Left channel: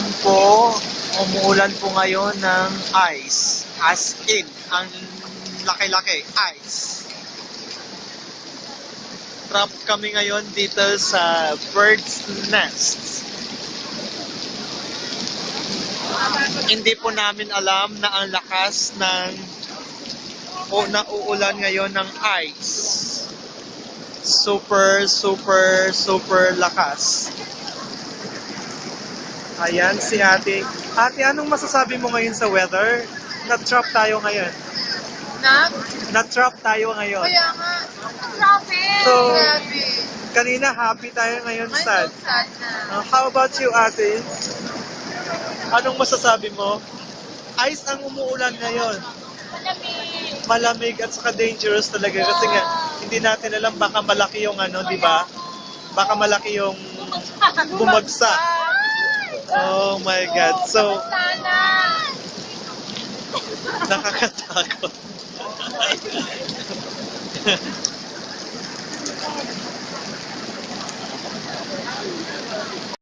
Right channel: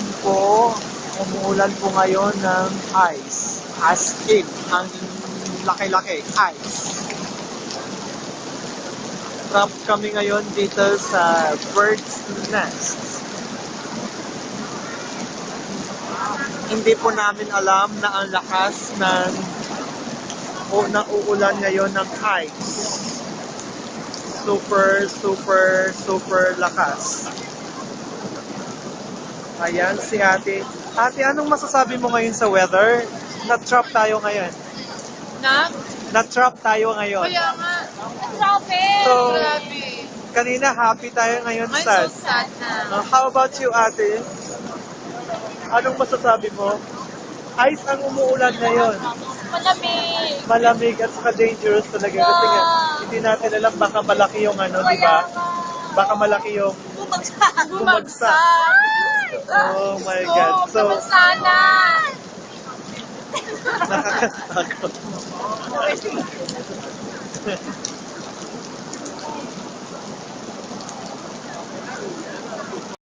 Ayan po, umuulan po ngayon ng ice. As in, ang laki-laki, ice. Trap kami ngayon dito sa bird's nest. Hindi po namin alam na ang lakas ng nauulan ngayon ng ice. Super, super, super lakas. Ayan si ate. Ate, anong masasabi mo ngayon sa weather? Na-trap tayo ngayon. Na-trap tayo ngayon. Kaya nga. Grabe. So, Grabe. kanina happy tayo, ngayon Ay, sad. so sad na. How about you, ate? Anong masasabi mo? Ice ang umuulan ngayon. Malamig. Malamig at saka dangerous talaga kasi nga hindi natin alam baka malaki yung ano, di ba? Baka malaki yung bumagsak. Oh my God. So, Sana. nakakatakot.